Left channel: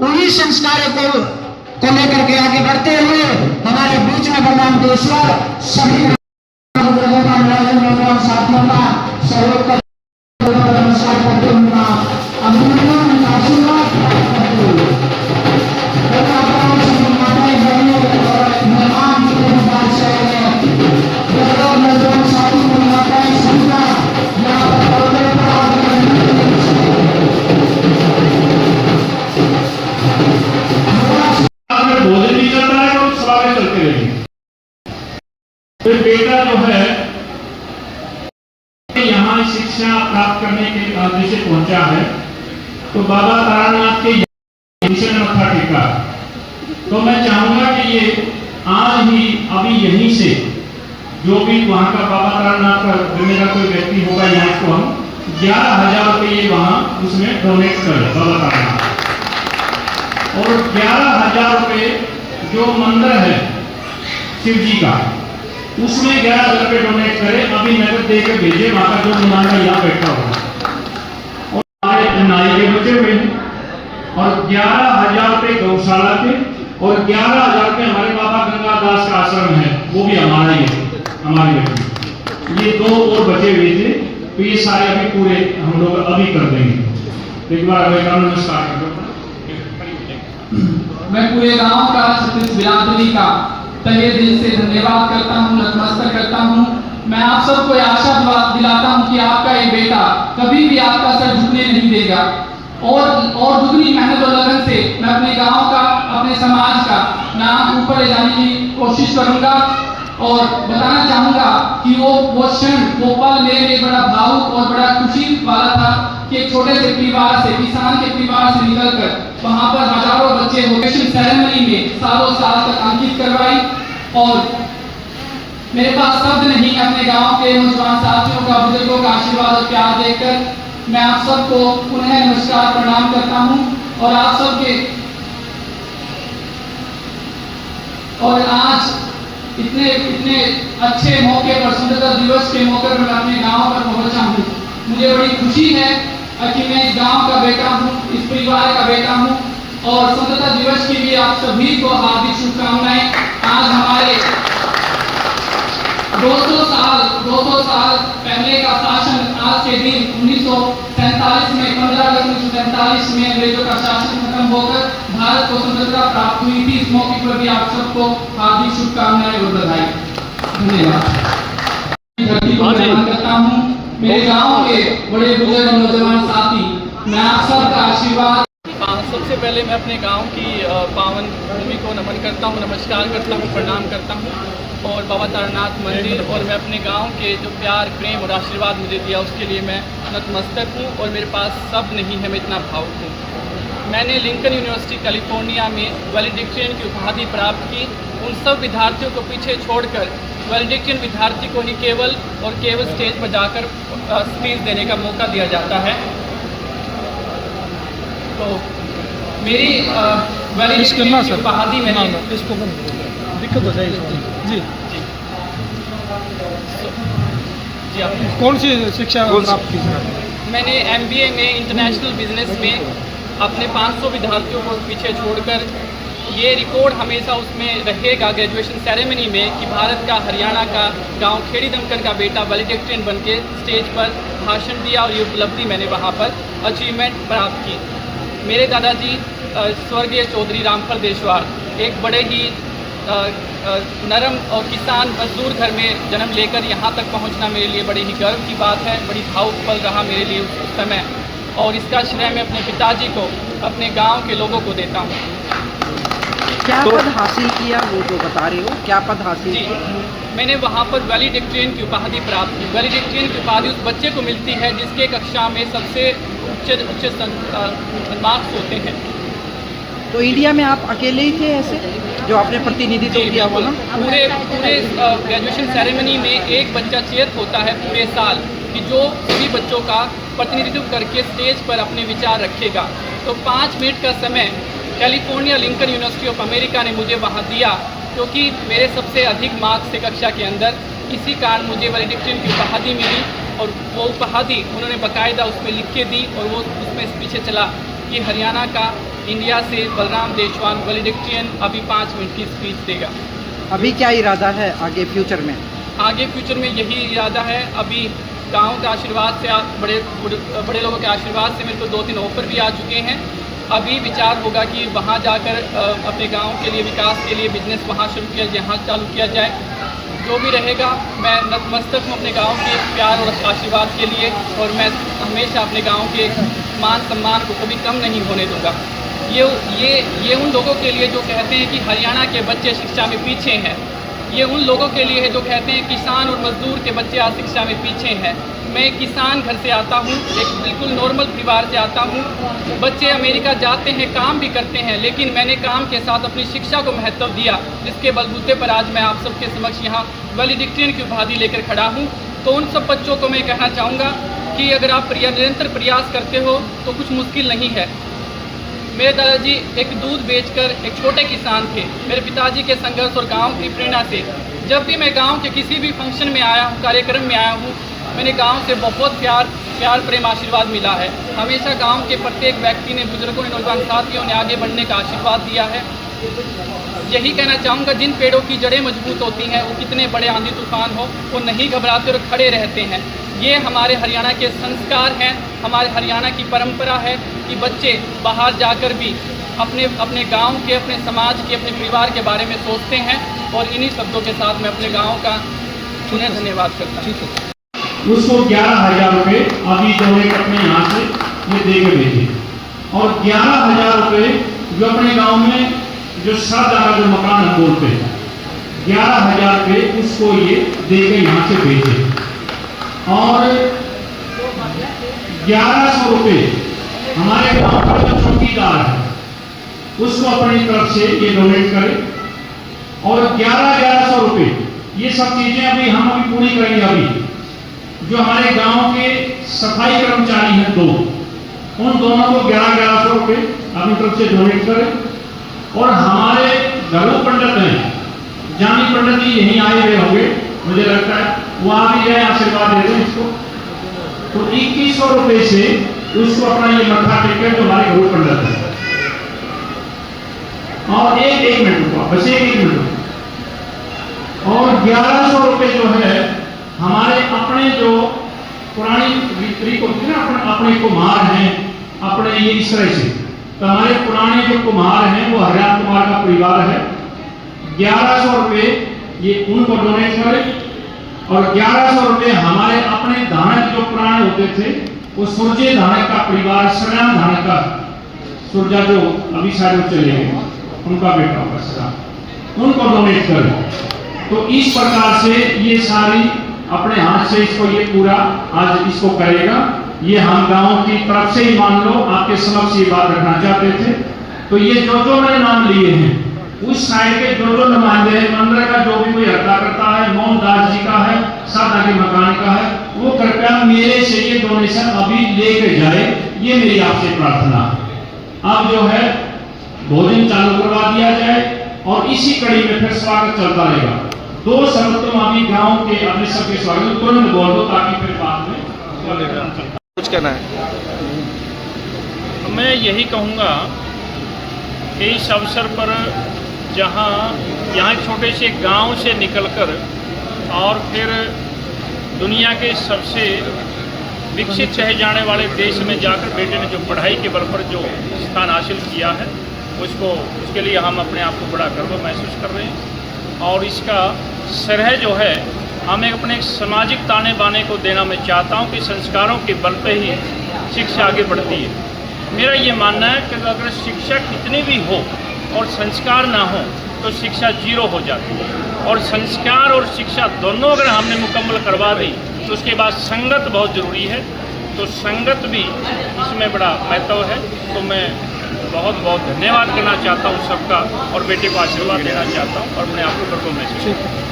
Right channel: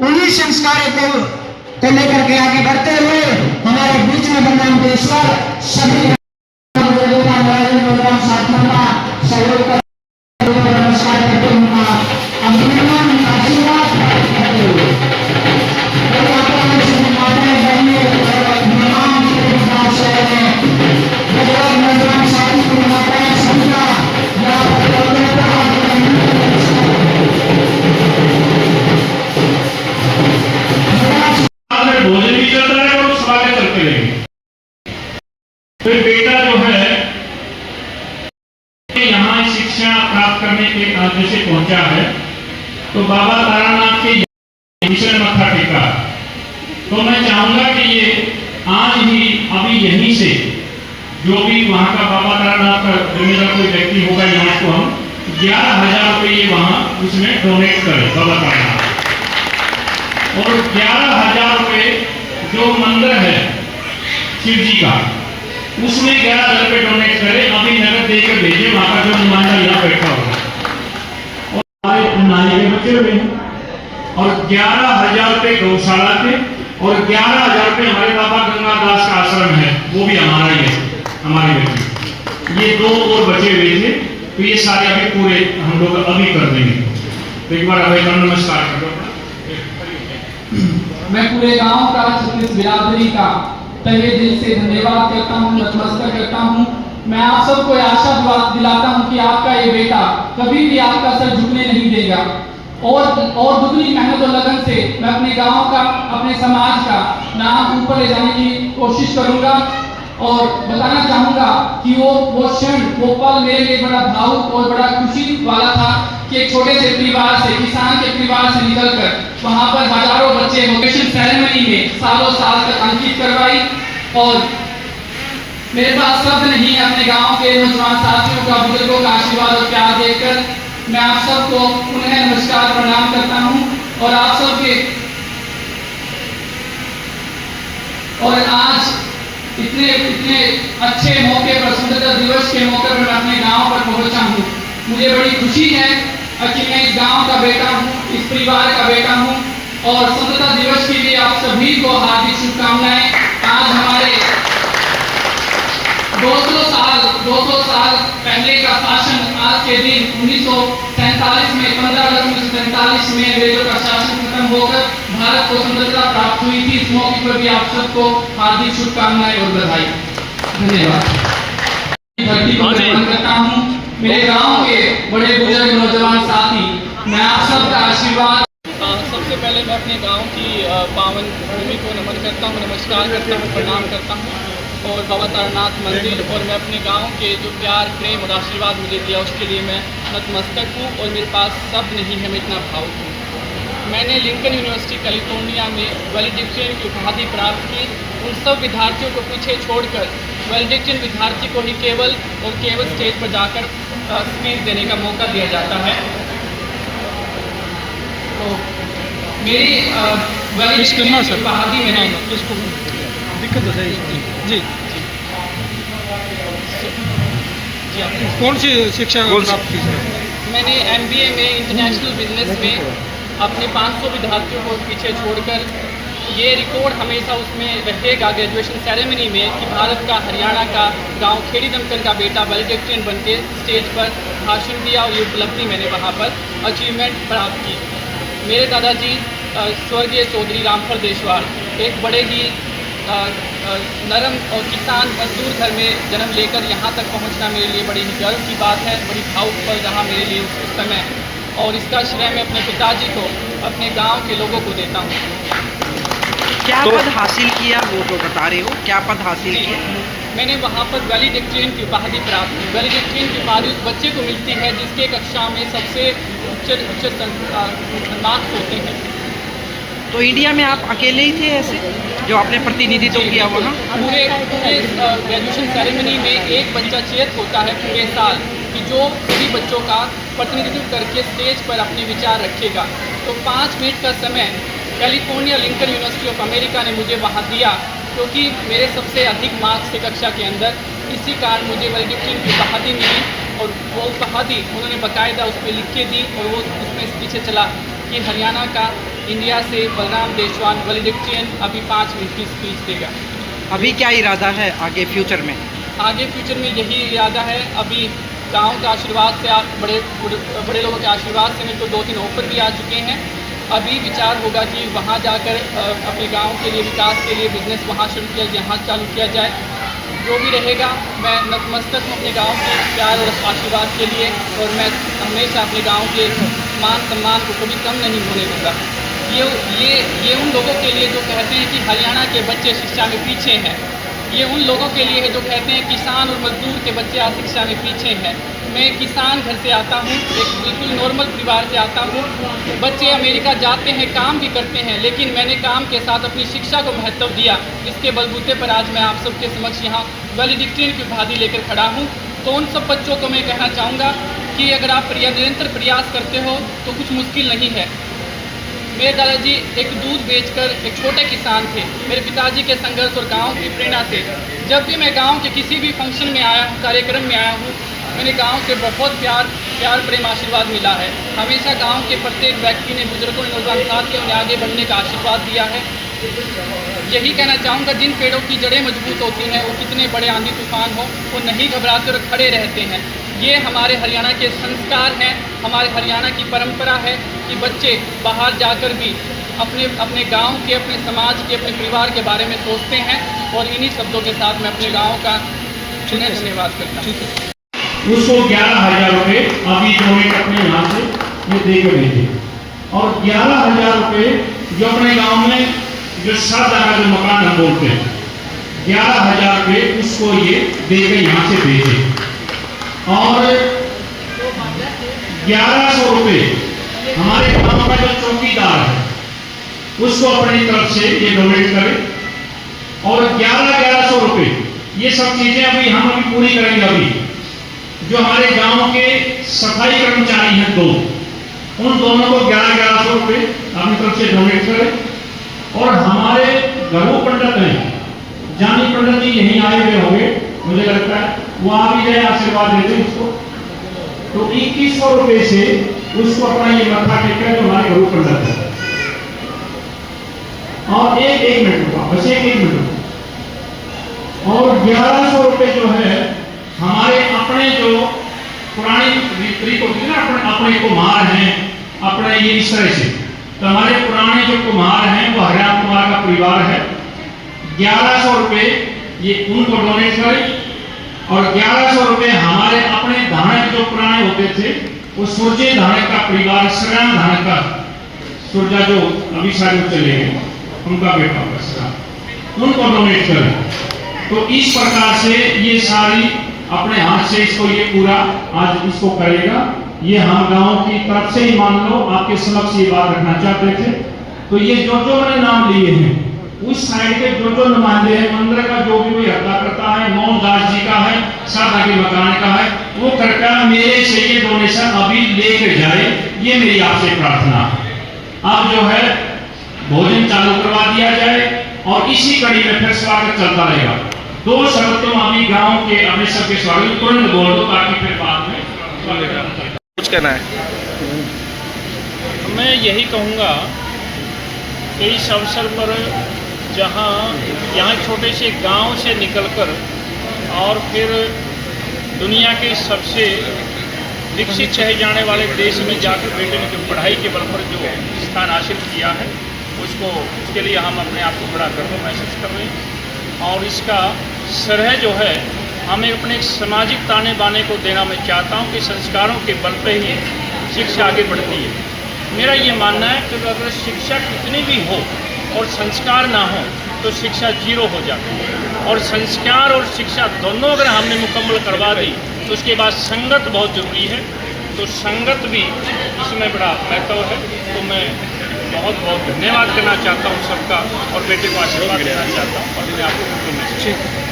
उन्हीं संस्कारों को लेकर के आगे बढ़ते हुए हमारे बीच में भगवान देश्वर सभी लोगों का साथियों का सहयोग कर नमस्कार करते हुए अभिनंदन आशीर्वाद करते हुए भोजन भी चलता है और सवाल चलते रहेंगे। फिर बेटा जो है यहाँ शिक्षा प्राप्त करने के उद्देश्य से पहुंचा है, तो बाबा तारानाथ के मिशन मत्था टेका। तो मैं चाहूंगा कि ये आज ही अभी यहीं से जो भी वहां का बाबा तारानाथ का जिम्मेदार कोई व्यक्ति होगा, यहाँ को हम 11,000 रुपये ये वहां उसमें डोनेट करें बाबा तारानाथ, और 11,000 रुपये जो मंदिर है शिव जी का उसमें 11,000 रुपये डोनेट करें, अभी नगद देकर भेजे। वहां का जो नुमाइंदा यहाँ बैठा हुआ और हमारे नारी के बच्चे हुए हैं, और 11,000 रुपये गौशाला के, और 11,000 रुपये हमारे बाबा गंगादास का आश्रम है, वो भी हमारा ही है, हमारे बच्चे। ये 2 और बचे हुए थे, तो ये सारे अभी पूरे हम लोग अभी कर देंगे। तो एक बार अभी नमस्कार करो। मैं पूरे गांव का, छत्तीस बिरादरी का तहे दिल से धन्यवाद करता हूँ, नतमस्तक करता हूँ। मैं आप सबको आशा दिलाता हूँ कि आपका ये बेटा कभी भी आपका सर झुकने नहीं देगा, और दुगनी मेहनत और लगन से मैं अपने गांव का, अपने समाज का नाम ऊपर ले जाने की कोशिश करूंगा। और बताना चाहूंगा कि वो क्षण, वो पल मेरे लिए बड़ा भावुक और बड़ा खुशी वाला था कि एक छोटे से परिवार से, किसान के परिवार से निकलकर वहां पर हजारों बच्चे वोकेशन सेरेमनी में सालों साल तक अंकित करवाई। और मेरे पास शब्द नहीं है अपने गांव के नौजवान साथियों का, बुजुर्गों का आशीर्वाद और प्यार देखकर मैं आप सबको पुनः नमस्कार प्रणाम करता हूं। और आप सबके, और आज इतने अच्छे मौके पर, स्वतंत्रता दिवस के मौके पर मैं अपने गांव पर पहुंचा हूं। मुझे बड़ी खुशी है कि मैं इस गांव का बेटा हूं, इस परिवार का बेटा हूं, और स्वतंत्रता दिवस के लिए आप सभी को हार्दिक शुभकामनाएं। आज हमारे 200 साल पहले का शासन आज के दिन 1947 में, 15 अगस्त 1947 में अंग्रेजों का शासन खत्म होकर भारत को स्वतंत्रता प्राप्त हुई थी। इस मौके पर भी आप सबको हार्दिक शुभकामनाएं और बधाई। धन्यवाद। धरती को नमन करता हूँ, मेरे गांव के बड़े बुजुर्ग नौजवान साथी, मैं आप सबका आशीर्वाद। सबसे पहले मैं अपने गांव की पावन भूमि को नमन करता हूं, नमस्कार करता हूं, प्रणाम करता हूं, और बाबा तारानाथ मंदिर और मैं अपने गांव के जो प्यार, प्रेम और आशीर्वाद मुझे दिया उसके लिए मैं नतमस्तक हूं। और मेरे पास शब्द नहीं है, मैं इतना भावुक हूँ। मैंने लिंकन यूनिवर्सिटी कैलिफोर्निया में वैलेडिक्टेरियन की उपाधि प्राप्त की। उन सब विद्यार्थियों को पीछे छोड़कर वैलेडिक्टेरियन विद्यार्थी को ही केवल स्टेज पर जाकर स्पीच देने का मौका दिया जाता है। तो मेरी वैलेडिक्टेरियन की उपाधि मैंने दिक्कत होता है जी। कौन सी शिक्षा प्राप्त की? मैंने MBA में इंटरनेशनल बिजनेस में अपने 500 विद्यार्थियों को पीछे छोड़कर, ये रिकॉर्ड हमेशा उसमें रहेगा ग्रेजुएशन सेरेमनी में कि भारत का, हरियाणा का गांव खेड़ी दमकल का बेटा वैलेडिक्टेरियन बन के स्टेज पर भाषण दिया, और ये उपलब्धि मैंने वहाँ पर अचीवमेंट प्राप्त की। मेरे दादाजी स्वर्गीय चौधरी रामफल देशवाल एक बड़े ही नरम और किसान मजदूर घर में जन्म लेकर यहाँ तक पहुँचना मेरे लिए बड़ी ही गर्व की बात है, बड़ी भावुक पल रहा मेरे लिए उस समय, और इसका श्रेय मैं अपने पिताजी को, अपने गांव के लोगों को देता हूँ। क्या पद हासिल किया वो तो बता रहे हो, क्या पद हासिल किया? मैंने वहाँ पर वैलेडिक्टेरियन की उपाधि प्राप्त की। वैलेडिक्टेरियन की उपाधि उस बच्चे को मिलती है जिसके कक्षा में सबसे उच्च मार्क्स होते हैं। तो इंडिया में आप अकेले ही थे ऐसे जो आपने प्रतिनिधित्व किया हुआ ना? पूरे ग्रेजुएशन सेरेमनी में एक बच्चा चेयर होता है पूरे साल कि जो सभी बच्चों का प्रतिनिधित्व करके स्टेज पर अपने विचार रखेगा। तो 5 मिनट का समय California Lincoln university of America ने मुझे वहाँ दिया, क्योंकि मेरे सबसे अधिक मार्क्स थे कक्षा के अंदर। इसी कारण मुझे वैलेडिक्टेरियन की उपाधि मिली, और वो उपाधि उन्होंने बाकायदा उसमें लिख के दी, और वो उसमें पीछे चला कि हरियाणा का इंडिया से बलराम देशवान वैलेडिक्टेरियन अभी 5 मिनट की स्पीच देगा। अभी क्या इरादा है आगे फ्यूचर में? आगे फ्यूचर में यही इरादा है, अभी गांव के आशीर्वाद से, बड़े लोगों के आशीर्वाद से मेरे को 2-3 ऑफर भी आ चुके हैं। अभी विचार होगा कि वहां जाकर अपने गांव के लिए, विकास के लिए बिजनेस वहां शुरू किया, यहाँ चालू किया जाए। जो भी रहेगा, मैं नतमस्तक हूँ अपने गांव के प्यार और आशीर्वाद के लिए, और मैं हमेशा अपने गांव के मान सम्मान को कभी कम नहीं होने दूंगा। ये उन लोगों के लिए जो कहते हैं कि हरियाणा के बच्चे शिक्षा में पीछे हैं, ये उन लोगों के लिए है जो कहते हैं किसान और मजदूर के बच्चे आज शिक्षा में पीछे हैं। मैं किसान घर से आता हूँ, एक बिल्कुल नॉर्मल परिवार से आता हूँ। बच्चे अमेरिका जाते हैं, काम भी करते हैं, लेकिन मैंने काम के साथ अपनी शिक्षा को महत्व दिया, जिसके बलबूते पर आज मैं आप सबके समक्ष यहाँ वैलेडिक्टेरियन की उपाधि लेकर खड़ा हूँ। तो उन सब बच्चों को मैं कहना चाहूँगा कि अगर आप निरंतर प्रयास करते हो तो कुछ मुश्किल नहीं है। मेरे दादाजी एक दूध बेचकर एक छोटे किसान थे। मेरे पिताजी के संघर्ष और गांव की प्रेरणा से जब भी मैं गांव के किसी भी फंक्शन में आया हूँ, कार्यक्रम में आया हूँ, मैंने गांव से बहुत प्यार प्रेम आशीर्वाद मिला है। हमेशा गांव के प्रत्येक व्यक्ति ने, बुजुर्गों ने, नौजवान साथियों ने आगे बढ़ने का आशीर्वाद दिया है। यही कहना चाहूँगा, जिन पेड़ों की जड़ें मजबूत होती हैं, वो कितने बड़े आंधी तूफान हो वो नहीं घबराते और खड़े रहते हैं। ये हमारे हरियाणा के संस्कार हैं, हमारे हरियाणा की परंपरा है कि बच्चे बाहर जाकर भी अपने गांव के, अपने समाज के, अपने परिवार के बारे में सोचते हैं। और इन्हीं शब्दों के साथ मैं अपने गांव का धन्यवाद करता हूँ। उसको 11,000 रुपये अभी डोनेट अपने यहाँ से ये दे के भेजे, और 11,000 रुपये जो अपने गांव में जो सरदारा जो मकान हम बोलते हैं, 11,000 रुपये उसको ये दे के यहाँ से भेजे, और 1100 रुपये हमारे गांव का जो चौकीदार है उसको अपनी तरफ से ये डोनेट करे, और 1100 रुपये ये सब चीजें अभी हम पूरी करेंगे। अभी जो हमारे गांव के सफाई कर्मचारी हैं 2, उन दोनों को 1100 रुपये अपनी तरफ से डोनेट करें। और हमारे घरों पंडित हैं, जानी पंडित जी यहीं आए हुए होंगे, मुझे लगता है वो आ भी जाए, आशीर्वाद दे दें इसको। तो 2100 रुपये से उसको अपना ये मत्था टेक जो हमारे घरों पंडित है। और एक मिनट हुआ, बस एक मिनट। और 1100 रुपये जो है हमारे अपने जो पुरानी रीत होती है ना, अपने कुम्हार हैं, अपने ये इस तरह से, तो हमारे पुराने जो कुम्हार हैं वो हरियाणा कुमार का परिवार है। 1100 रुपये ये उनको डोनेट करें, और 1100 रुपये हमारे अपने धानक जो पुराने होते थे, वो सूर्य धानक का परिवार, श्रीराम धानक का सूर्या जो अभी शायद चले गए, उनका बेटा होगा श्रीराम, उनको डोनेट करें। तो इस प्रकार से ये सारी अपने हाथ से इसको ये पूरा आज इसको करेगा। ये हम गांव की तरफ से ही मान लो आपके समक्ष ये बात रखना चाहते थे। तो ये जो मैंने नाम लिए हैं, उस साइड के जो नुमाइंदे हैं, मंदिर का जो भी कोई अदा करता है, मोहनदास जी का है, सादा के मकान का है, वो कृपया मेरे से ये डोनेशन अभी लेके जाए, ये मेरी आपसे प्रार्थना है। अब जो है भोजन चालू करवा दिया जाए, और इसी कड़ी में फिर स्वागत चलता रहेगा। 2 शब्द तुम अभी गांव के अपने सबके स्वागत तुरंत बोल दो, ताकि फिर बाद में स्वागत करना चाहिए। कुछ कहना है? मैं यही कहूँगा कि इस अवसर पर जहाँ यहाँ छोटे से गांव से निकलकर और फिर दुनिया के सबसे विकसित कहे जाने वाले देश में जाकर बेटे ने जो पढ़ाई के बल पर जो स्थान हासिल किया है, उसके लिए हम अपने आप को बड़ा गर्व महसूस कर रहे हैं। और इसका श्रेय जो है हमें अपने सामाजिक ताने बाने को देना मैं चाहता हूँ कि संस्कारों के बल पे ही शिक्षा आगे बढ़ती है। मेरा ये मानना है कि अगर शिक्षा कितनी भी हो और संस्कार ना हो तो शिक्षा 0 हो जाती है। और संस्कार और शिक्षा दोनों अगर हमने मुकम्मल करवा दी तो उसके बाद संगत बहुत ज़रूरी है। तो संगत भी इसमें बड़ा महत्व है। तो मैं बहुत बहुत धन्यवाद करना चाहता हूँ सबका, और बेटे को आशीर्वाद देना चाहता हूँ, और अपने आप को गर्व महसूस